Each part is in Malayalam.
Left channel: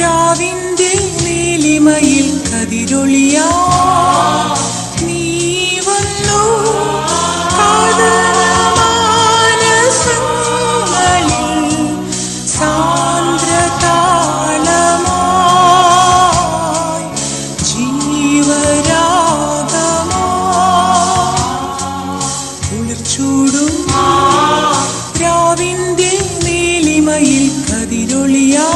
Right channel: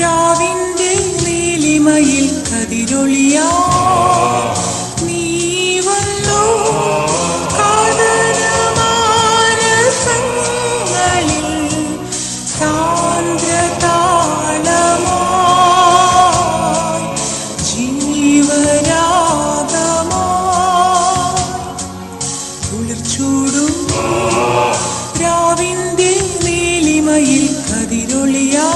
രാവിന്റെ നീലിമയിൽ കതിരൊളിയാ. നീ വന്നു ചൂടും രാവിന്റെ മഹിമയിൽ കതിരൊളിയാ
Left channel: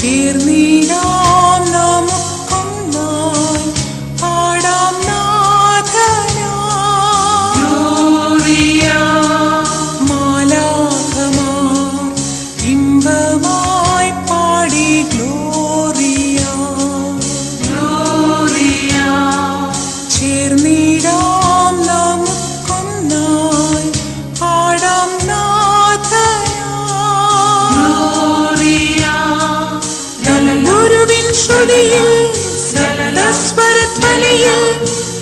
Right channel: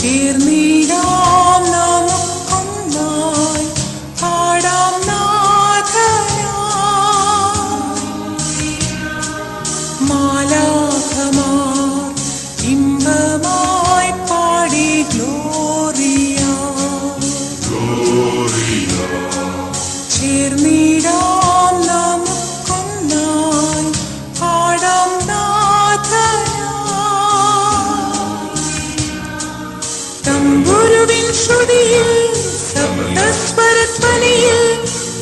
ചേർന്ന് ശുതിയിൽ ശബ്ദസ്വരത്വലയിൽ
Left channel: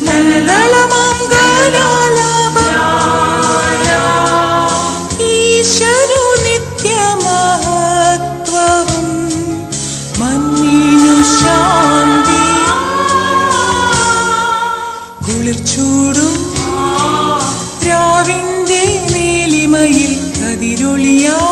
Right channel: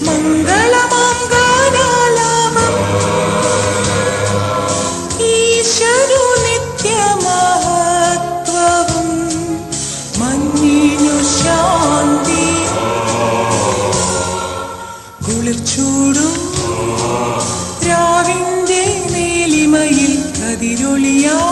മംഗളമാം രാവിന്റെ മേലിമയിൽ കതിരൊളിയാ